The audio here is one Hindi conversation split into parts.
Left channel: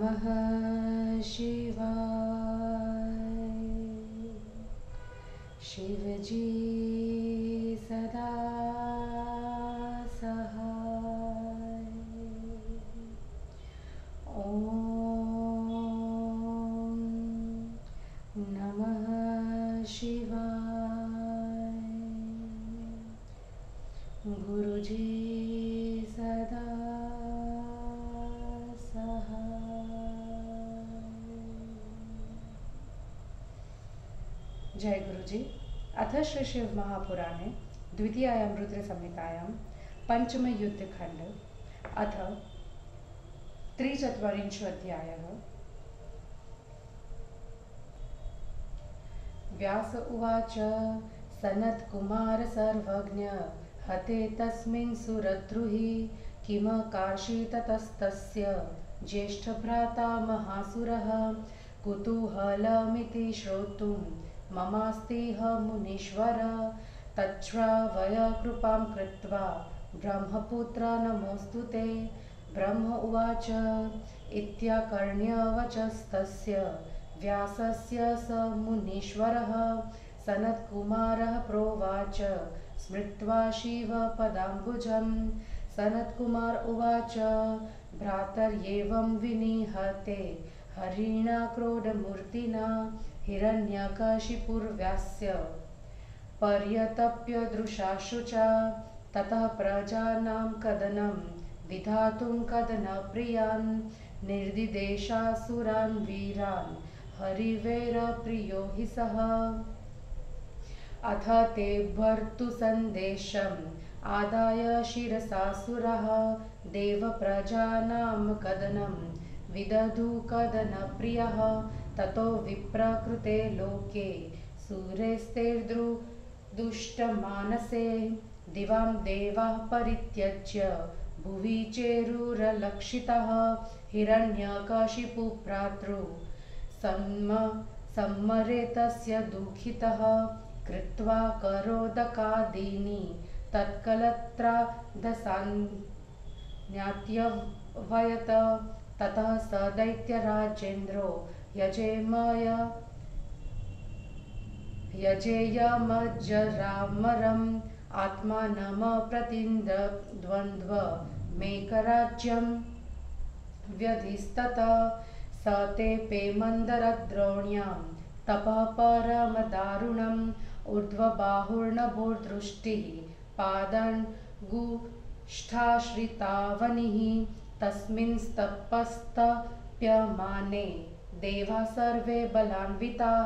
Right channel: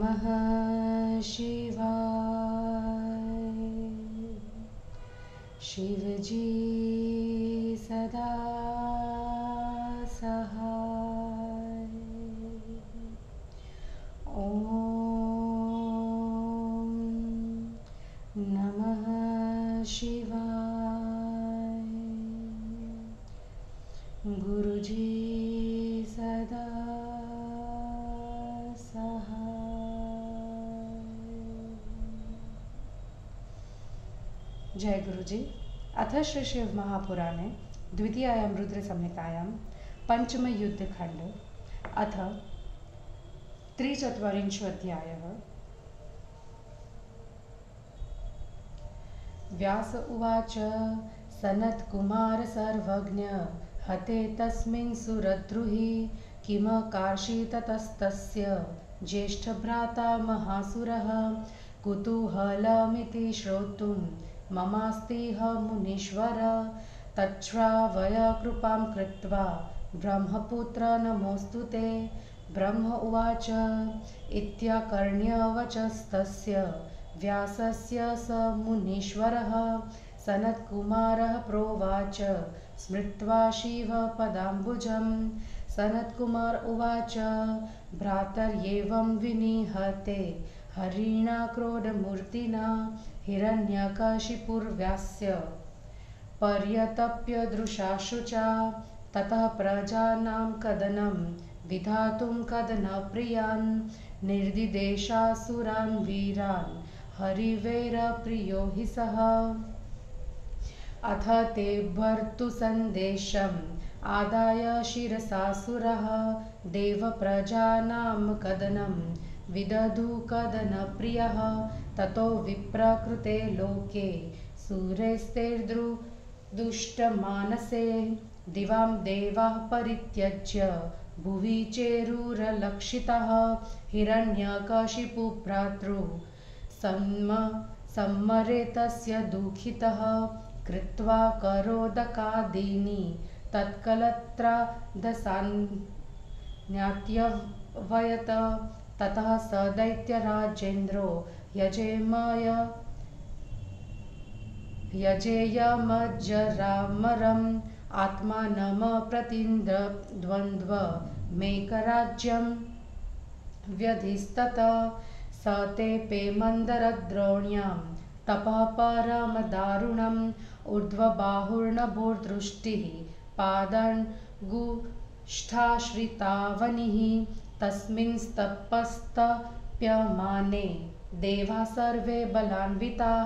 नमः शिवाय। शिवजी सदा सहाय। ॐ नमः शिवाय। गुरुजी सदा जय गुरुजी। अथ श्री शिव महापुराणे द्वितीयायां रुद्रसंहितायां पञ्चमयुद्धखण्ड अथ 43 व्यास उवाच सनत्कुमार सर्वज्ञ हते तस्मिन् सुरद्रुहि किम कार्षीततस्तस्य ज्येष्ठभ्राता महासुरः कुतूहलमिति श्रोतुं ममास्तिह मुनीश्वर तच्छ्रावय कृपां कृत्वा ब्रह्मपुत्र नमोऽस्तु ते। ब्रह्म उवाच इत्याकर्ण्यवचस्तस्य व्यासस्य स मुनीश्वरः सनत्कुमारः प्रोवाच स्मृत्वा शिव पदाम्बुजम्। सनत्कुमार उवाच भ्रातर्येवं विनिहते हरिणा क्रोधमूर्तिना हिरण्यकशिपुर्व्यास्य पर्यतप्य दृशाशुचा ततः प्रजानां कदनं विधातुं कदनप्रियान् निर्दिदेशासुरान् वीरान् हरिवैरप्रियो हि सः। अथ ते भर्तुसन्देशम् आदाय शिरसासुरः देवप्रजानां कदनं विदधु कदनप्रियः। ततो विप्रकृते लोके सुरेस्तेर्दुष्टमानसे दिवां देवाः परित्यज्य भुवि चेरुरलक्षितः हिरण्यकशिपुभ्रातृ सम्मरे तस्य दुःखितः कृत्वा करोदकादीनि तत्कलत्रादसान्यात्यवयत। ततः स दैत्यराजेन्द्रो यजेयमज्जरामरम् आत्मानमप्रतिद्वन्द्वमेकराज्यं व्यधिस्ततः स तेऽपि मन्दरद्रोण्यां तपः परमदारुणम् ऊर्ध्वबाहुर्नभोर्दृष्टिः पादान्गुष्ठाश्रितावनिः तस्मिंस्तपस्तप्यमाने देवाः सर्वे बलान्विताः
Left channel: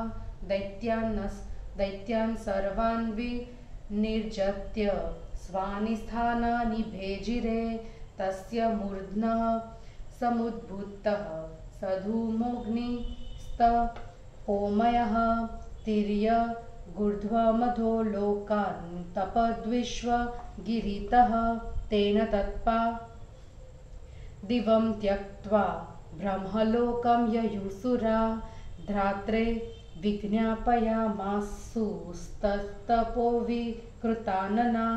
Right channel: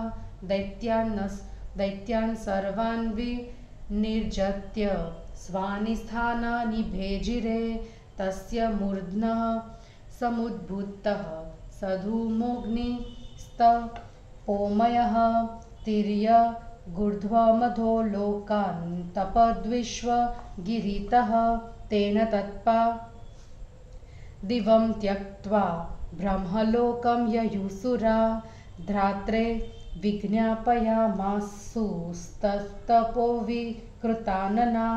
दैत्यान् सर्वान् विनिर्जत्य स्वानि स्थानानि भेजिरे। तस्य मूर्ध्नः समुद्भूतः सधूमोऽग्निस्तपोमयः तिर्यगूर्ध्वमधो लोकान् तपद्विश्वगिरितः तेन तत्पा दिवं त्यक्त्वा ब्रह्मलोकं ययुसुरा धात्रे विज्ञापयामासुस्तपो विकृतानना।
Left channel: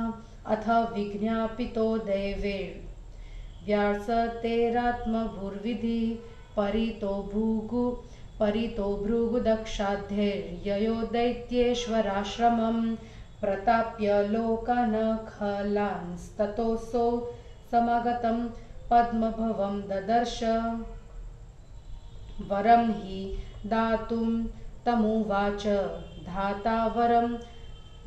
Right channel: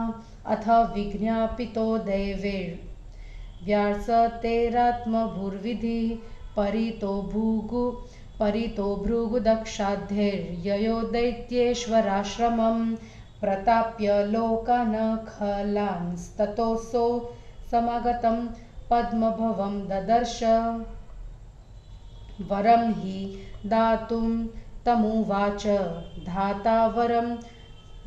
अथ विज्ञापितो दैवेर्व्यासतेरात्मभूर्विधि परितो भृगुदक्षाध्यैर्ययो दैत्येश्वराश्रमं प्रताप्य लोकानखलांस्ततोऽसौ समागतं पद्मभवं ददर्श। वरं हि दातुं तमुवाच धाता वरं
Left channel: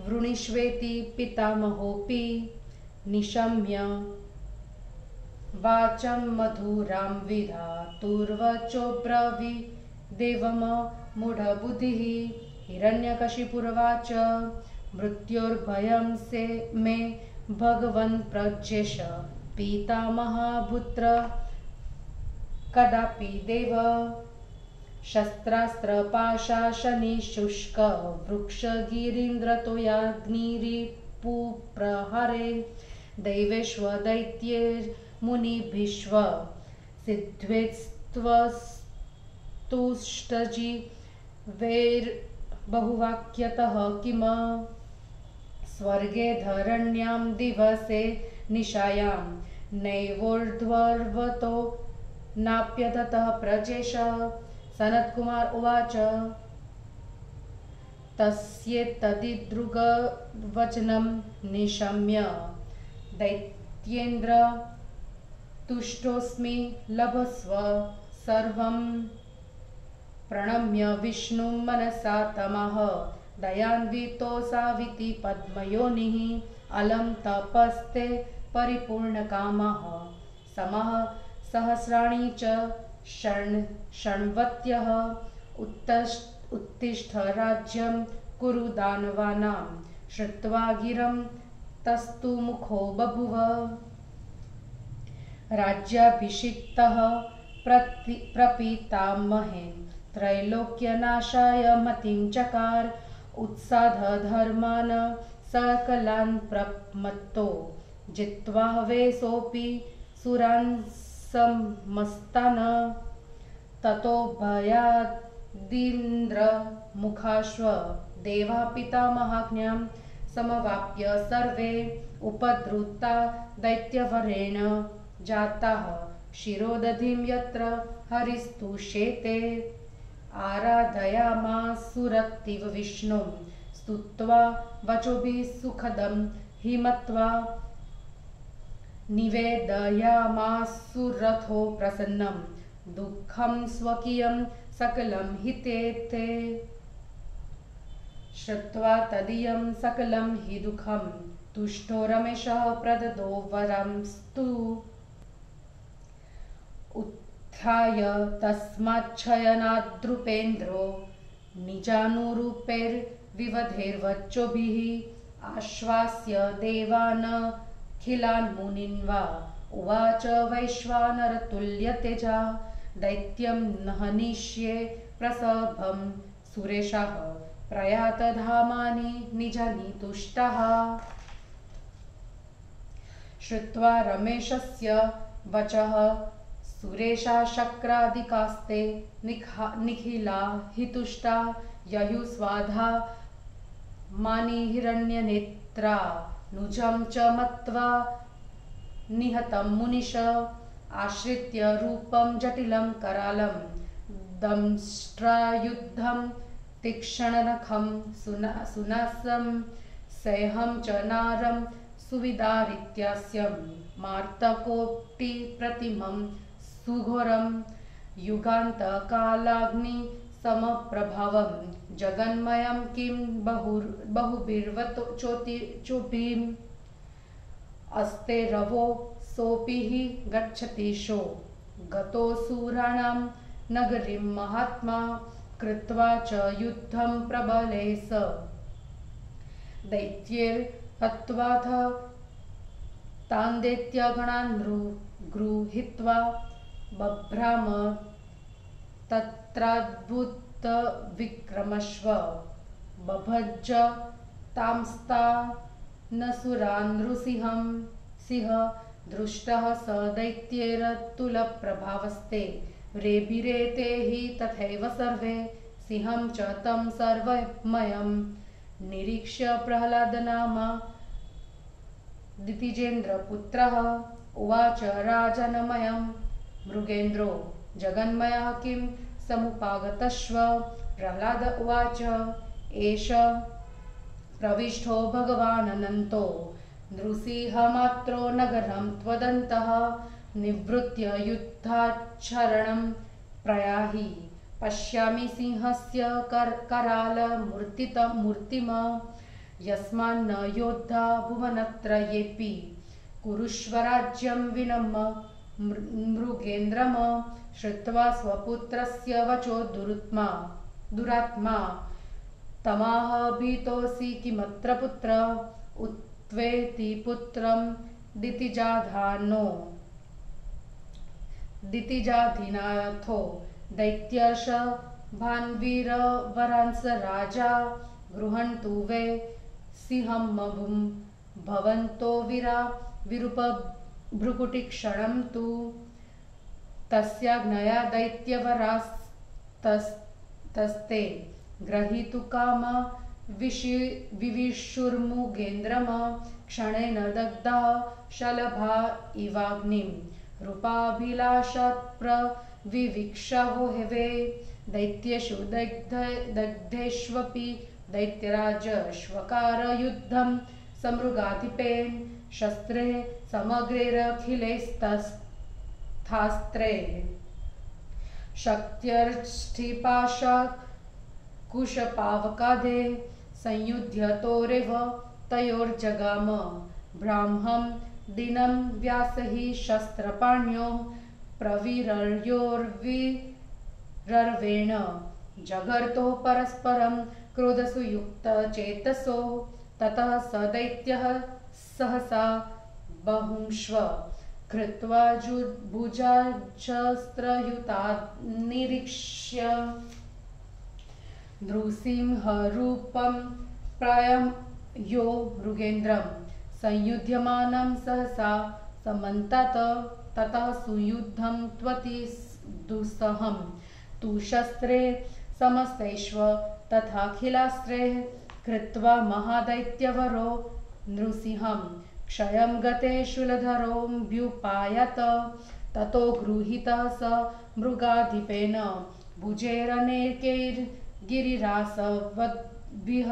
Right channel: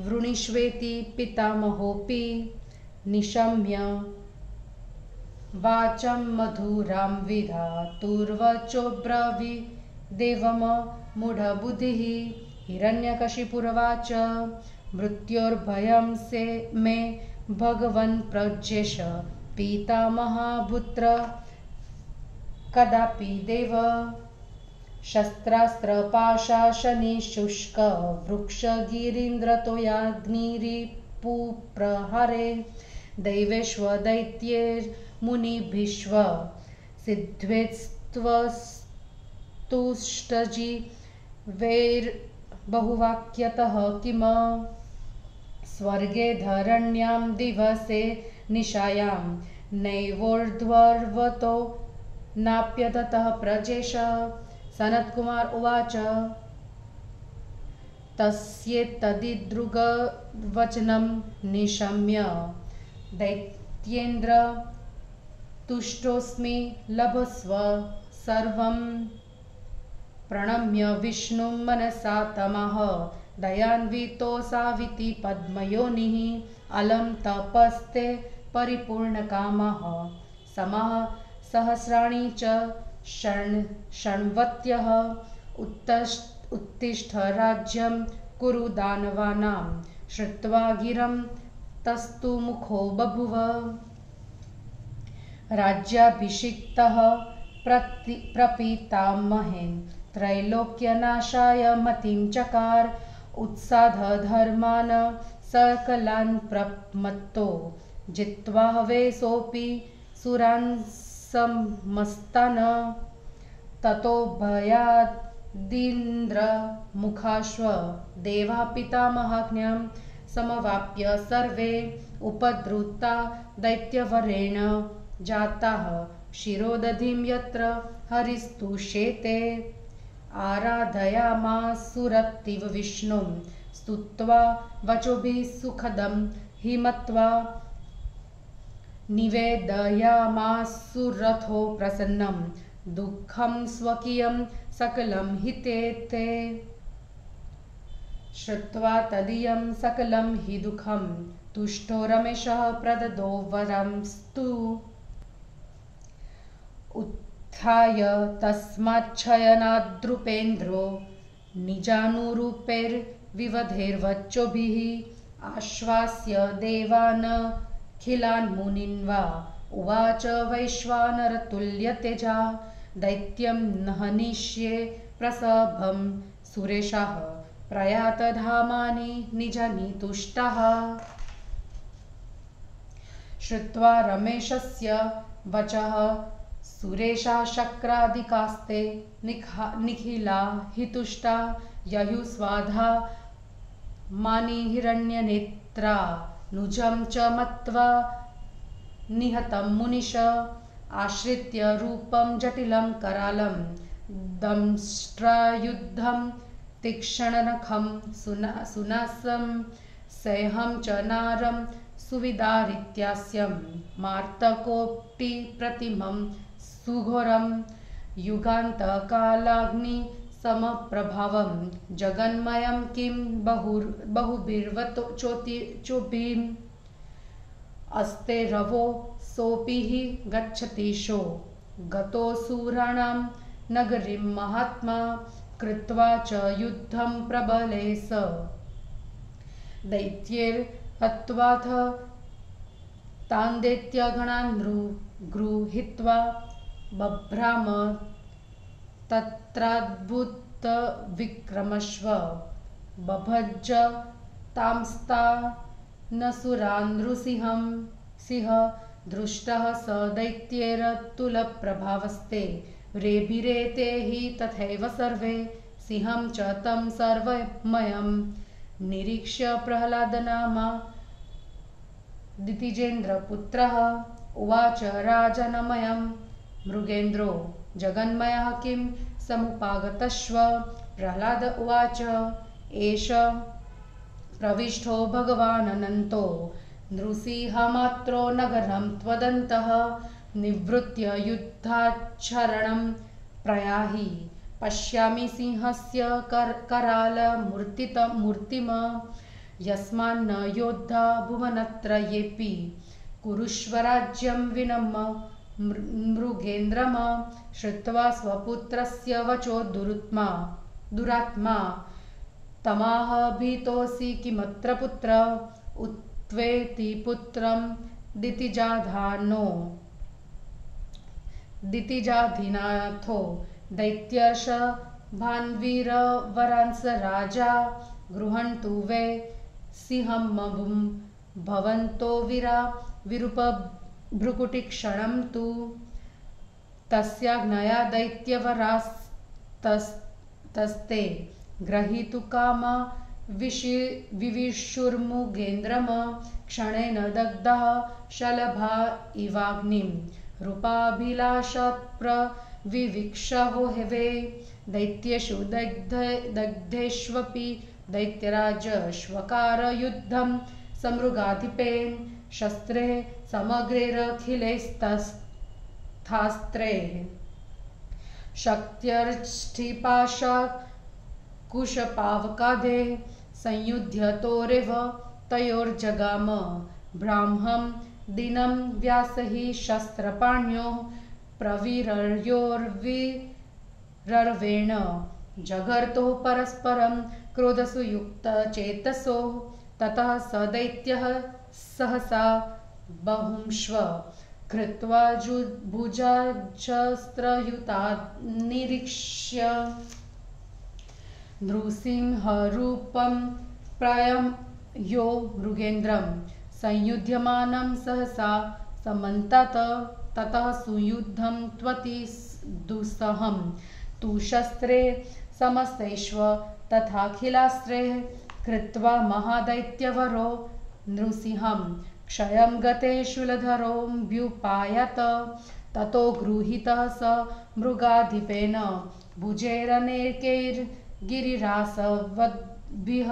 वृणीष्वेति पितामहोऽपि निशम्य वाचं मधुरां विधातुर्वचोऽब्रवीदेवमूढबुद्धिः। हिरण्यकशिपुर्वाच मृत्योर्भयं से मे भगवन् प्रजेश पितामहापुत्र कदापि देव। शस्त्रास्त्रपाशाशनिशुष्क वृक्षगिरीन्द्रतोयाग्निरिपुप्रहरे दैवेष्वदैत्यैर्मुनिभिश्व सिद्ध्वेस्तुष्टजीवैर्बहुवाक्यतः किम स्वर्गे धरण्यां दिवसे निशायां नैवोर्ध्वर्वतो नाप्यततः प्रजेश। सनत्कुमार उवाच तस्येतदिदृग्वचनं निशम्य दैत्येन्द्र तुष्टोऽस्मि लभस्व सर्वं। प्रणम्य विष्णुं मनसा तमः दयान्वितोऽसाविति पद्मयोनिः। अलं तपस्ते परिपूर्णकामः समः सहस्राणि च षण्वत्यः। उत्तिष्ठ राज्यं कुरु दानवानां। श्रुत्वा गिरं तस्तु मुखो बभुव। राज्याभिषिक्तः प्रपीतामहे त्रैलोक्यनाशाय मतिं चकार। उत्साधधर्मान् सकलान् प्रमत्तो जित्वा हवेसोऽपि सुरान् समस्तान्। ततो भयादिन्द्र मुखाश्व देवा पितामहाज्ञां समवाप्य सर्वे उपद्रुता दैत्यवरेण जाताः। शिरोदधिं यत्र हरिस्तुष्येते आराधयामासुरत्तिव विष्णुं। स्तुत्वा वचोभिः सुखदं हिमत्वा निवेदयामासुरथो प्रसन्नं। दुःखं स्वकीयं सकलं हितेते। श्रुत्वा तदीयं सकलं हि दुःखं तुष्टो रमेशः प्रददो वरंस्तु। उत्थाय तस्माच्छयनाद्रुपेन्द्रो निजानुरूपैर्विवधैर्वचोभिः। आश्वास्य देवानखिलान् मुनीन् वा उवाच वैश्वानरतुल्यतेजा। दैत्यं न हनिष्ये प्रसभं सुरेशाः प्रयातधामानि निजानि तुष्टाः। श्रुत्वा रमेशस्य वचः सुरेशा शक्रादिकास्ते निखिला हि तुष्टा। ययुस्वाधा मानि हिरण्यनेत्रा नुजं च मत्वा निहतं मुनिश। आश्रित्य रूपं जटिलं करालं दंष्ट्रायुधं तीक्ष्णनखं सुनासं सेहं च नारं सुविदारित्यास्यं। मार्तकोऽपि प्रतिमं सुघोरं युगान्तकालाग्निसमप्रभावं। जगन्मयं किं बहुभिर्वचोभिः अस्ते रवो सोऽपि हि गच्छतीशो। गतोऽसुराणां नगरीं महात्मा कृत्वा च युद्धं प्रबले स। दैत्यैर्हत्वाथ तान् दैत्यगणान् गृहीत्वा बभ्राम तत्राद्भुतविक्रमश्व। बभञ्च तांस्तानसुरान् नृसिंह दृष्टः स दैत्यैरतुलप्रभावस्ते। रेभिरेते हि तथैव सर्वे सिंहं च तं सर्वमयं निरीक्ष्य प्रह्लादनामा दितिजेन्द्रपुत्रः। उवाच राजनमयं मृगेन्द्रो जगन्मयः किं समुपागतश्व। प्रह्लाद उवाच एष प्रविष्टो भगवानन्तो नृसिंहमात्रो नगरं त्वदन्तः। निवृत्य युद्धाचरणं प्रयाहि पश्यामि सिंहस्य करालमूर्तिम्। यस्मान्न योद्धा भुवनत्रयेऽपि कुरुष्व राज्यं विनम्य मृगेन्द्रम्। श्रुत्वा स्वपुत्रस्य वचो दुरात्मा तमाह भीतोऽसि किमत्र पुत्र। उत्वेति पुत्रं दितिजाधिनाथो दैत्यर्ष भान्वीरवरांस राजा। गृह्णन्तु वै सिंहं भवन्तो विरूपभ्रुकुटिक्षणं तु। तस्याज्ञया दैत्यवरास्तस्ते ग्रहीतुकामा विविशुर्मुगेन्द्रम्। क्षणेन दग्धा शलभा इवाग्निं रूपाभिलाषप्रविविक्षवो वे दैत्येषु दग्धेष्वपि दैत्यराजश्वकारयुद्धं समृगाधिपेन शस्त्रे समग्रैरखिलैस्तस्थास्त्रे शक्त्यर्ष्टिपाशकुशपावकादे संयुध्यतोरेव तयोर्जगाम ब्राह्मं दिनं व्यासहि शस्त्रपाण्यो प्रवीर्योर्विरर्वेण जगर्तो परस्परं क्रोधसुयुक्तचेतसो ततः स दैत्यः सहसा बहुंश्व कृत्वा भुजाशस्त्रयुतान्निरीक्ष्य नृसिंहरूपं प्रायं यो मृगेन्द्रं संयुध्यमानं सहसा समन्तात ततः सुयुद्धं त्वति दुस्सहं तु शस्त्रे समस्तैश्व तथाखिलास्त्रे कृत्वा महादैत्यवरो नृसिंहं क्षयं गते शूलधरोऽभ्युपायत ततो गृहीतः स मृगाधिपेन भुजैरनेकैर्गिरिरासवद्भिः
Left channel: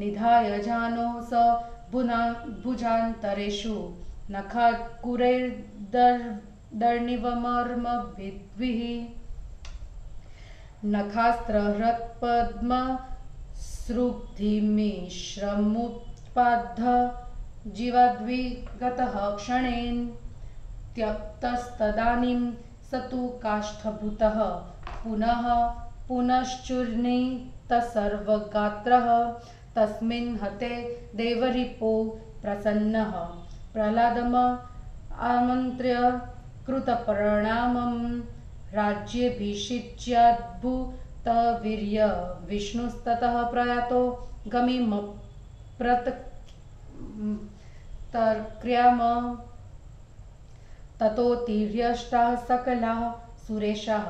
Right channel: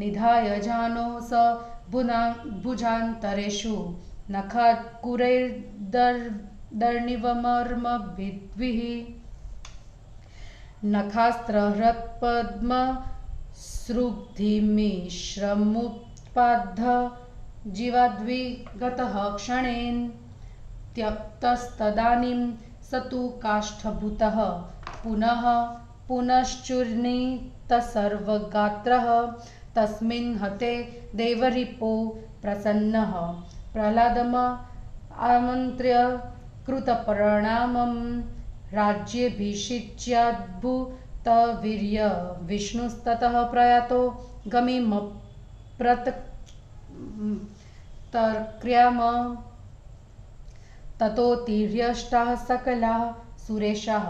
निधाय जानो स भुजान्तरेषु नखाकुरैर्दर्निवमर्मभिद्भिः नखास्त्रहृत्पद्मसृग्धिमिश्रमुत्पाद्य जीवाद्विगतः क्षणेन त्यक्तस्तदानीं स तु काष्ठभूतः पुनः पुनश्चूर्णितसर्वगात्रः तस्मिन् हते देवरिपो प्रसन्नः प्रह्लादम् आमन्त्र्य कृतप्रणामं राज्येऽभिषिच्याद्भुतवीर्य विष्णुस्ततः प्रयातो गमिमप्रतर्क्ष्याम ततोत्तीर्यष्टाः सकलाः सुरेशाः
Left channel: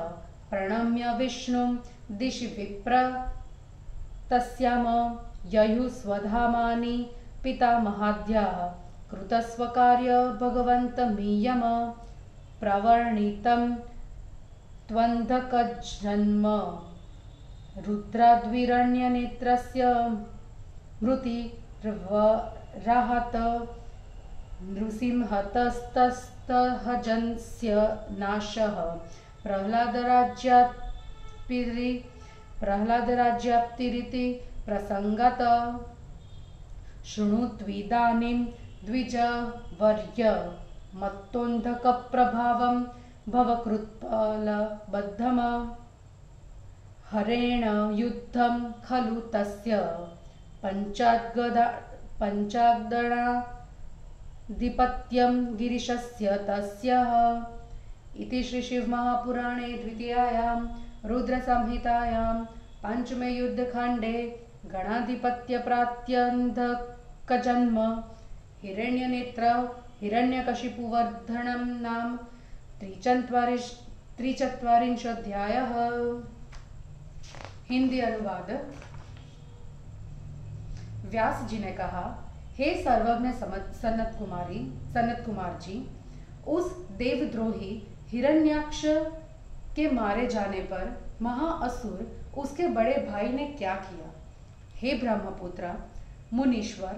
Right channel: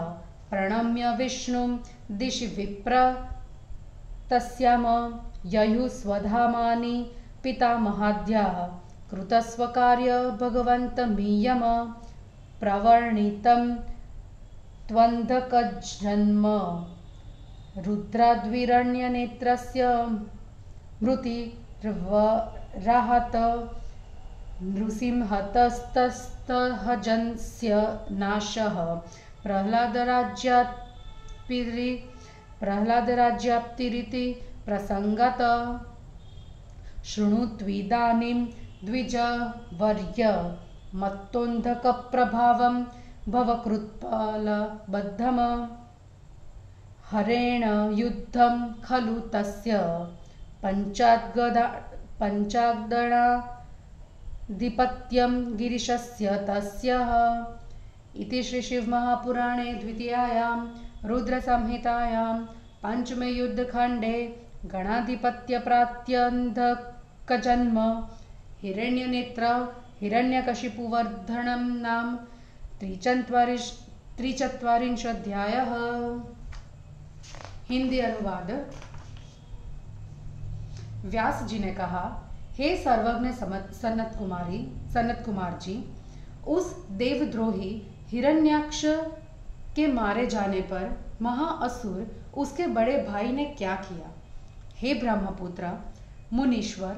प्रणम्य विष्णुं दिशि विप्र तस्याम ययुः स्वधामानि पितामहाद्याः कृतस्वकार्य भगवन्तमीयम प्रवर्णितं त्वन्धकजन्म रुद्राद्विरण्यनेत्रस्य मृतिर्वराहत नृसिंहतस्तहजनस्य नाशः प्रह्लादराज्याप्तिरिति प्रसङ्गत शृणुत्विदानीं द्विजवर्य मत्तोन्धकप्रभावं भवकृत्पालबद्धम् हरेण युद्धं खलु तस्य पञ्चाग्दणाधिपत्यं गिरिशस्य तस्यः इति श्री शिवमहापुराणे द्वितीयायां रुद्रसंहितायां पंचमे युद्धखण्डे गणाधिपत्यप्रात्यन्धकजन्म हिरण्यनेत्र हिरण्यकशिपुवर्धनं नाम 43 हिंदी अनुवाद। व्यास जी ने कहा, हे सर्वज्ञ सनत कुमार जी, उस देवद्रोही हिरण्याक्ष के मारे जाने पर महाअसुर उसके बड़े भाई ने क्या किया? हे ब्रह्मपुत्र मुनीश्वर,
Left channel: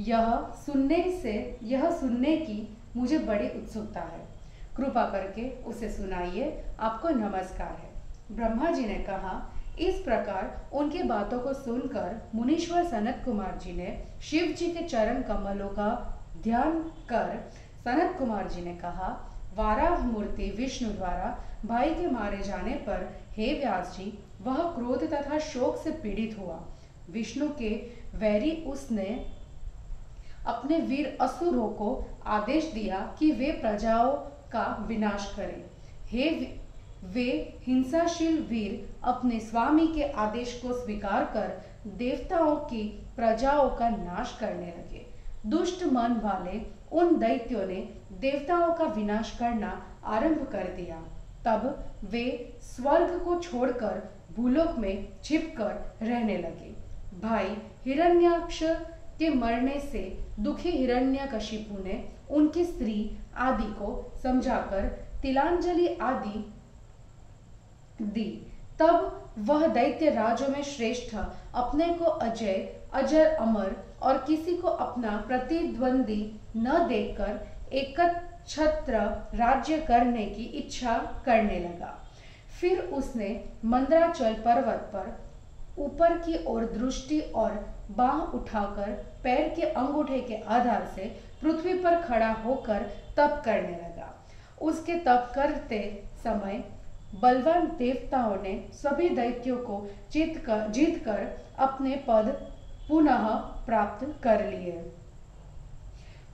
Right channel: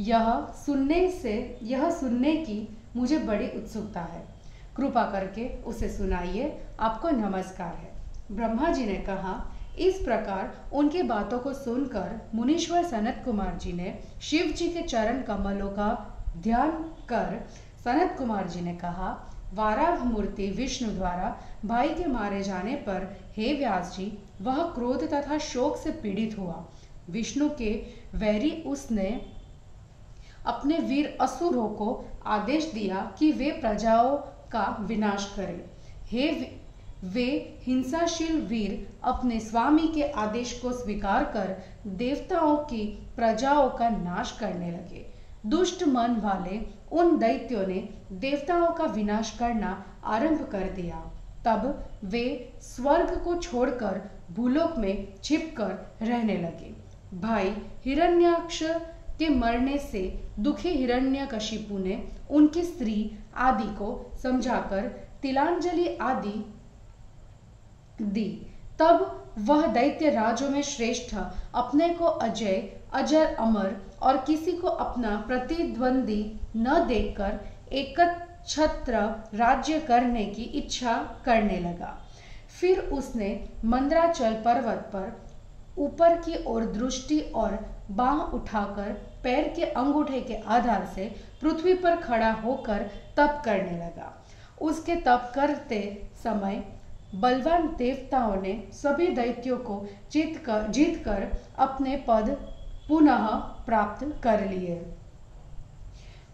यह सुनने की मुझे बड़ी उत्सुकता है, कृपा करके उसे सुनाइए, आपको नमस्कार है। ब्रह्मा जी ने कहा। इस प्रकार उनकी बातों को सुनकर मुनीश्वर सनत कुमार जी ने शिव जी के चरण कमलों का ध्यान कर सनत कुमार जी ने कहा, वाराह मूर्ति विष्णु द्वारा भाई के मारे जाने पर हे व्यास जी, वह क्रोध तथा शोक से पीड़ित हुआ। विष्णु के वैरी उसने अपने वीर असुरों को आदेश दिया कि वे प्रजाओं का विनाश करें। वे हिंसाशील वीर अपने स्वामी के आदेश को स्वीकार कर देवताओं की प्रजाओं का नाश करने लगे। दुष्ट मन वाले उन दैत्यों ने देवताओं का विनाश करना आरंभ कर दिया। तब वे स्वर्ग को छोड़कर भूलोक में छिपकर रहने लगे। भाई हिरण्याक्ष के मरने से दुखी हिरण्यकशिपु ने उनकी स्त्री आदि को समझाकर तिलांजलि आदि दी। तब वह दैत्य राज्यों में श्रेष्ठ अपने को अजय, अजर, अमर और किसी को अपना प्रतिद्वंदी न देखकर एकछत्र राज्य करने की इच्छा करने लगा। फिर उसने मंदराचल पर्वत पर ऊपर की ओर दृष्टि और बाह उठाकर पैर के अंगूठे के आधार से पृथ्वी पर खड़ा होकर तप करने लगा। उसके तप करते समय बलवान देवताओं ने सभी दैत्यों को जीतकर अपने पद पुनः प्राप्त कर लिए।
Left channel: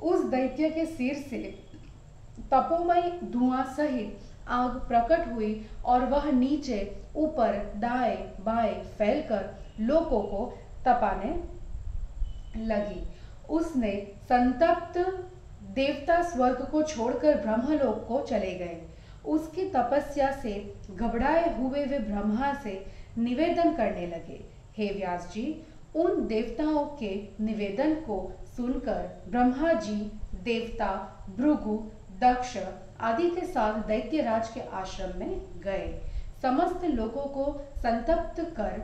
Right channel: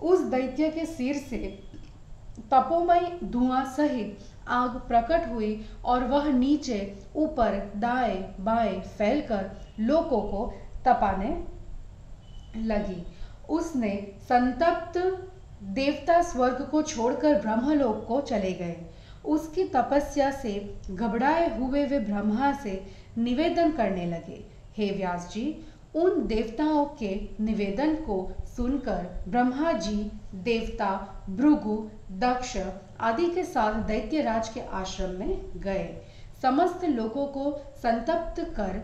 उस दैत्य के सिर से तपोमय धुआं सहित आग प्रकट हुई और वह नीचे ऊपर दाएं बाएं फैलकर लोगों को तपाने लगी। उसने संतप्त देवता स्वर्ग को छोड़कर ब्रह्मलोक को चले गए। उसकी तपस्या से घबराए हुए वे ब्रह्मा से निवेदन करने लगे, हे व्यास जी, उन देवताओं के निवेदन को सुनकर ब्रह्मा जी देवता भृगु, दक्ष आदि के साथ दैत्यराज के आश्रम में गए। समस्त लोगों को संतप्त कर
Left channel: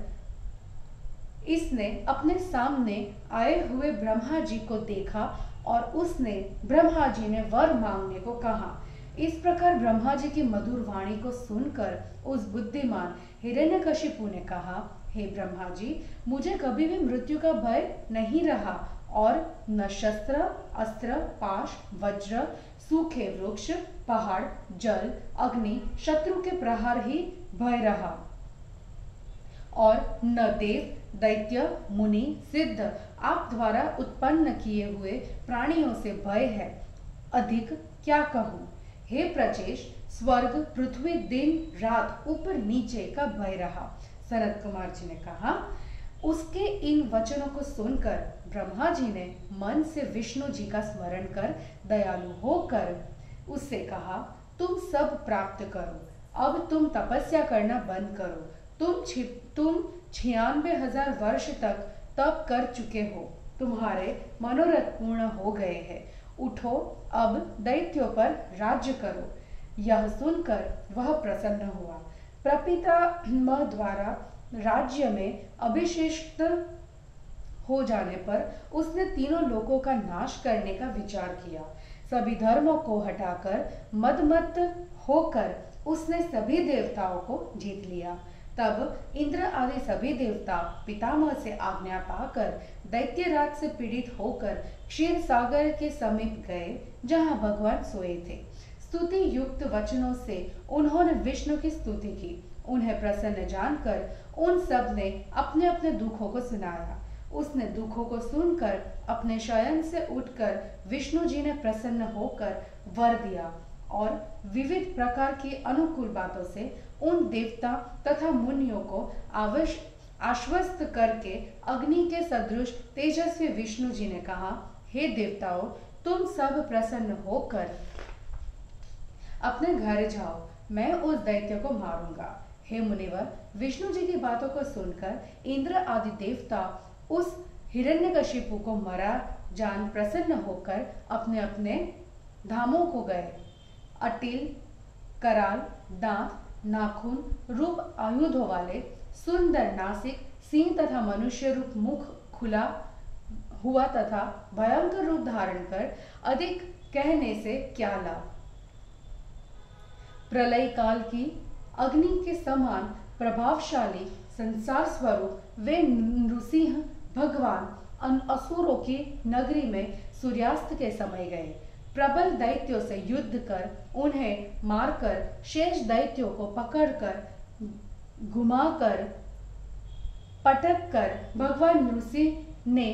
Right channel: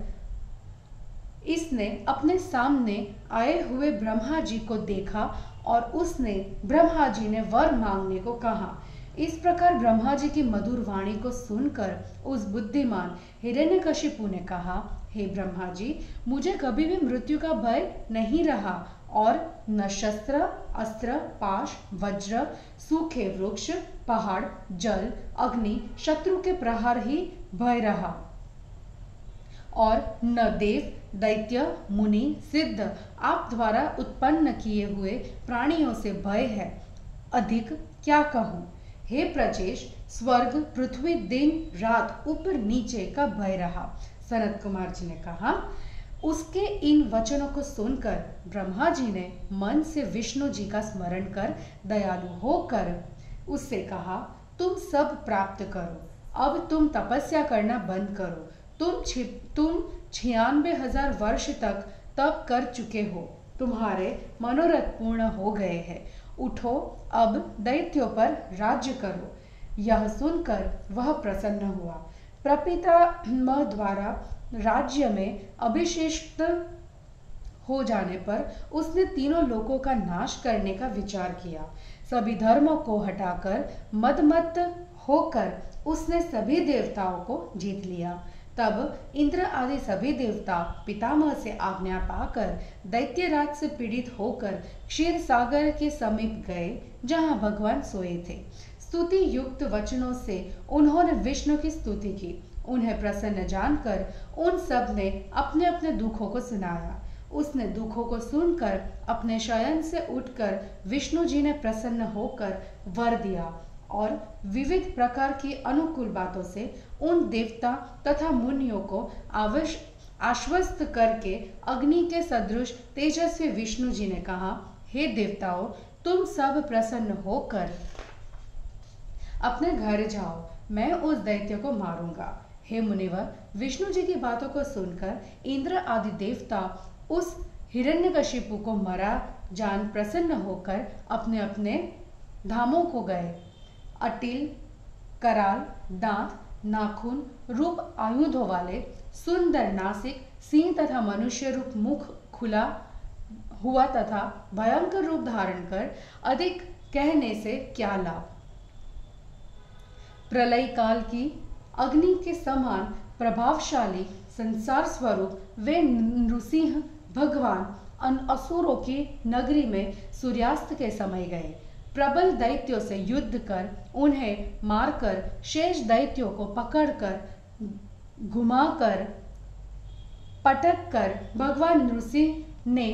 इसने अपने सामने आए हुए ब्रह्मा जी को देखा और उसने ब्रह्मा जी ने वर मांगने को कहा। इस प्रकार ब्रह्मा जी की मधुर वाणी को सुनकर उस बुद्धिमान हिरण्यकशिपु ने कहा, हे ब्रह्मा जी, मुझे कभी भी मृत्यु का भय नहीं रहा और न शस्त्र, अस्त्र, पाश, वज्र, सूखे वृक्ष, पहाड़, जल, अग्नि, शत्रु के प्रहार ही भय रहा और न देव, दैत्य, मुनि, सिद्ध आप द्वारा उत्पन्न किए हुए प्राणियों से भय है। अधिक क्या कहूँ? हे प्रचेश, स्वर्ग, पृथ्वी, दिन रात, ऊपर नीचे का भय रहा। सनत कुमार जी ने कहा। उसके इन वचनों को सुनकर ब्रह्मा जी ने मन से विष्णु जी का स्मरण कर दयालु होकर उससे कहा, तुम सब प्राप्त करो, अब तुम तपस्या करना बंद करो। तुम 96,000 वर्ष तक तप कर चुके हो, तुम्हारे मनोरथ पूर्ण हो गए हैं। उठो, अब दैत्यों पर राज्य करो। यह सुनकर वह प्रसन्न हुआ। प्रपितामह द्वारा राज्य में अभिषिक्त हो जाने पर उसने तीनों लोकों का नाश करने का विचार किया। सभी धर्मों को हटाकर मदमत्त होकर उसने सभी देवताओं को जीत लिया। तब इंद्र आदि सभी देवता पितामह से आज्ञा पाकर दैत्यराज से पीड़ित होकर क्षीर सागर के समीप गए, जहां भगवान सोए थे। स्तुति युक्त वचनों से उन्होंने विष्णु की स्तुति की। उन्हें प्रसन्न जानकर उन सब ने अपने अपने दुखों को सुनाया। उसने दुखों को सुनकर अपने शयन से उठकर विष्णु जी ने प्रसन्न होकर वर दिया और विविध प्रकार की अनुकूल बातों से उन देवता तथा मुनियों को आश्वस्त करके अग्नि के सदृश तेजस्वी विष्णु जी ने कहा, हे देवताओं, तुम सब प्रसन्न होकर अपने घर जाओ, मैं उस दैत्य को मारूंगा। हे मुनिवर, विष्णु जी की बातों को सुनकर इंद्र आदि देवता उस हिरण्यकशिपु को मरा जान प्रसन्न होकर अपने अपने धामों को गए। अटिल, कराल, दांत, नाखून रूप आयुधों वाले, सुंदर नासिक, सिंह तथा मनुष्य रूप मुख खुला हुआ तथा भयंकर रूप धारण कर अधिक कहने से क्या लाभ। प्रलय काल की अग्नि के समान प्रभावशाली संसार स्वरूप वे नृसिंह भगवान असुरों की नगरी में सूर्यास्त के समय गए। प्रबल दैत्यों से युद्ध कर उन्हें मारकर शेष दैत्यों को पकड़कर घुमाकर पटक कर भगवान नृसिंह ने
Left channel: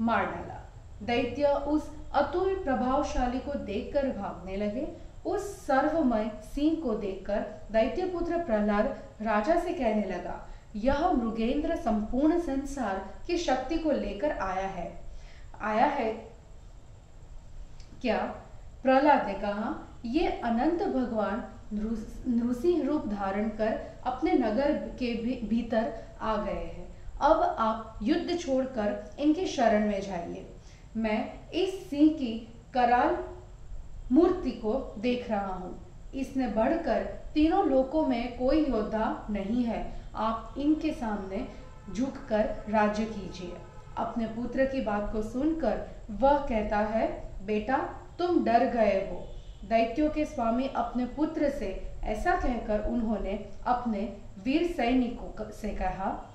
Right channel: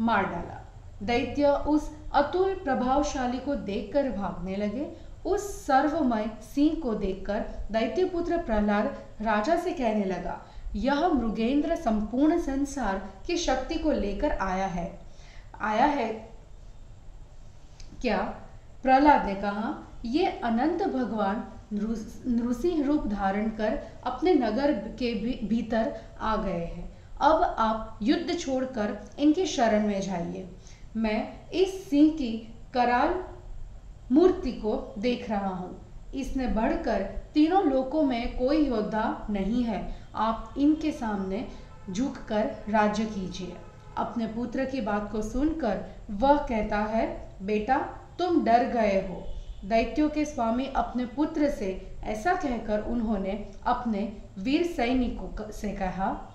मार डाला। दैत्य उस अतुल प्रभावशाली को देखकर भागने लगे। उस सर्वमय सिंह को देखकर दैत्यपुत्र प्रहलाद राजा से कहने लगा, यह मृगेंद्र संपूर्ण संसार की शक्ति को लेकर आया है क्या? प्रहलाद ने कहा, ये अनंत भगवान नृसिंह रूप धारण कर अपने नगर के भीतर आ गए हैं। अब आप युद्ध छोड़कर इनकी शरण में जाइए। मैं इस सिंह की कराल मूर्ति को देख रहा हूँ। इसने बढ़कर तीनों लोकों में कोई योद्धा नहीं है। आप इनके सामने झुककर राज्य कीजिए। अपने पुत्र की बात को सुनकर वह कहता है, बेटा तुम डर गए हो। दैत्यों के स्वामी अपने पुत्र से ऐसा कहकर उन्होंने अपने वीर सैनिकों से कहा,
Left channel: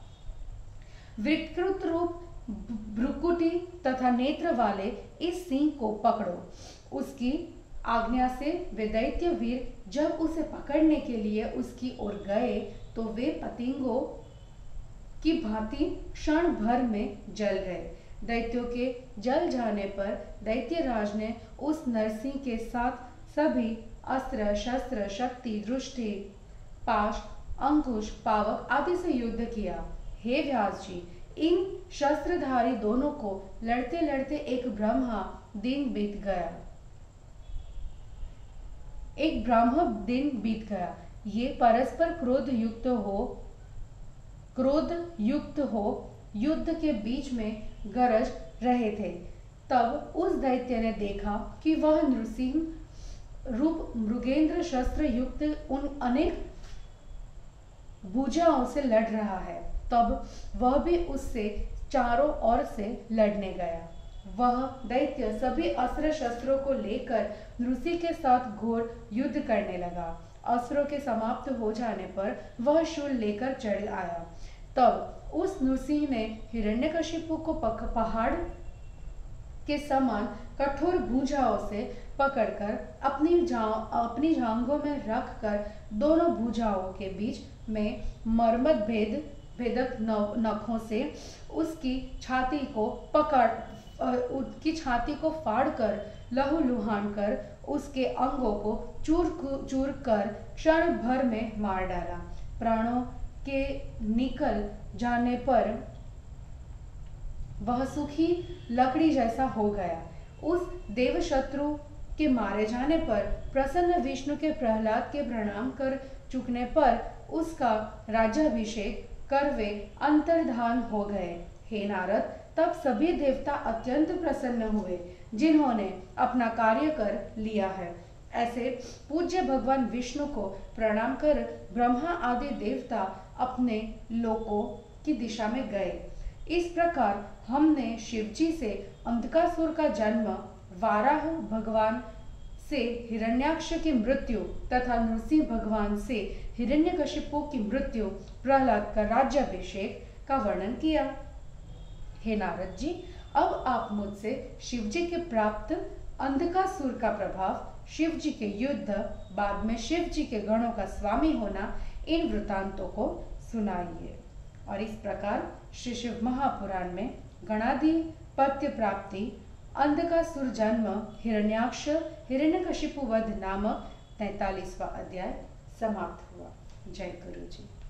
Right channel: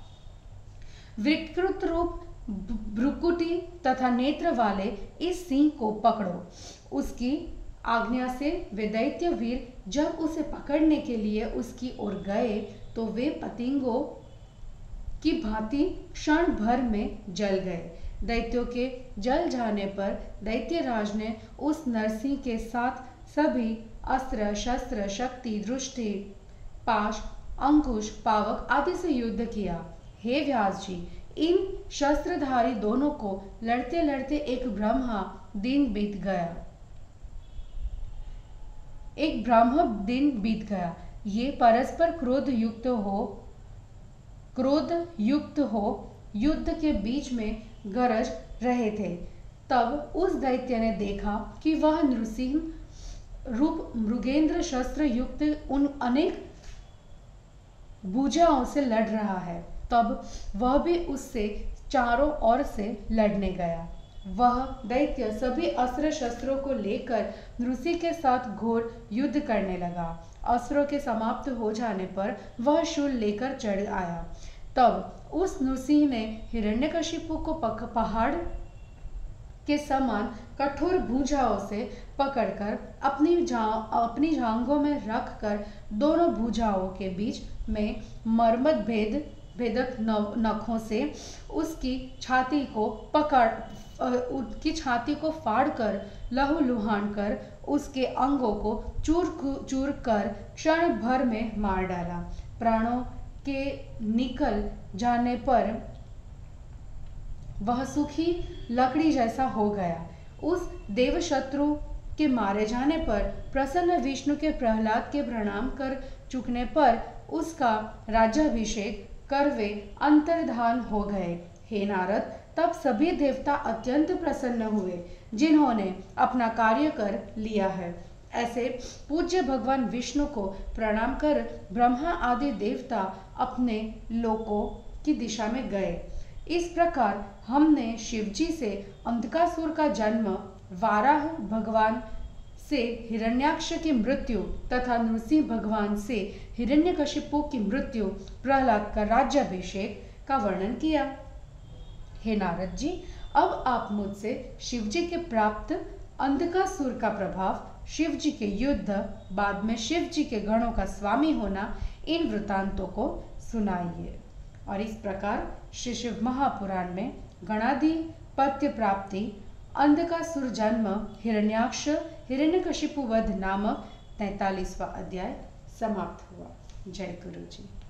विकृत रूप, भ्रुकुटी तथा नेत्र वाले इस सिंह को पकड़ो। उसकी आज्ञा से वे दैत्य वीर जब उसे पकड़ने के लिए उसकी ओर गए तो वे पतंगों की भांति क्षण भर में जल गए। दैत्यों के जल जाने पर दैत्यराज ने उस नरसिंह के साथ सभी अस्त्र शस्त्र शक्ति दृष्टि पाश अंकुश पावक आदि से युद्ध किया। हे व्यास जी, इन शस्त्रधारी दोनों को लड़ते लड़ते एक ब्रह्मा दिन बीत गया। ये परस्पर क्रोध युक्त हो युद्ध के बीच में गरज रहे थे। तब उस दैत्य ने देखा कि वह नृसिंह रूप मृगेंद्र शस्त्र युक्त उन अनेक भुजाओं से लड़ रहा है। तब वह भी उससे चारों ओर से लड़ने गया। वह दैत्य सभी अस्त्र शस्त्रों को लेकर नृसिंह के साथ घोर युद्ध करने लगा। अस्त्रों के समाप्त हो जाने पर वह शूल लेकर चढ़ आया। तब उस नृसिंह ने हिरण्यकशिपु को पहाड़ के समान कठोर भुजाओं से पकड़कर अपनी जांघों में रखकर दोनों भुजाओं के बीच में मर्मत भेदक नखों से उसकी छाती को फाड़कर लहूलुहान कर उसके अंगों को चूर कर क्षण भर में मार डाला। प्राणों के निकल जाने पर वह सूखी लकड़ी जैसा हो गया। उस देवशत्रु के मारे जाने पर प्रसन्न विष्णु के प्रहलाद के प्रणाम कर चुकने पर उसका राज्याभिषेक कर वे अंतर्धान हो गए। हे नारद, तब सभी देवता अत्यंत प्रसन्न हुए जिन्होंने अपना कार्य कर लिया है। ऐसे पूज्य भगवान विष्णु को प्रणाम कर ब्रह्मा आदि देवता अपने लोकों की दिशा में गए। इस प्रकार हमने शिवजी से अंधकासुर का जन्म, वाराह भगवान से हिरण्याक्ष की मृत्यु तथा नृसिंह भगवान से हिरण्यकशिपु की मृत्यु, प्रहलाद का राज्याभिषेक का वर्णन किया। हे नारद जी, अब आप मुझसे शिवजी के प्राप्त अंधकासुर का प्रभाव, शिवजी के युद्ध, बाद में शिवजी के गणों का स्वामी होना, इन वृतांतों को सुनाइए। और इस प्रकार श्री शिव महापुराण में गणाधिपत्य प्राप्ति, अंधकासुर जन्म, हिरण्याक्ष, हिरण्यकशिपु वध नामक 43वां अध्याय समाप्त हुआ। जय गुरु जी।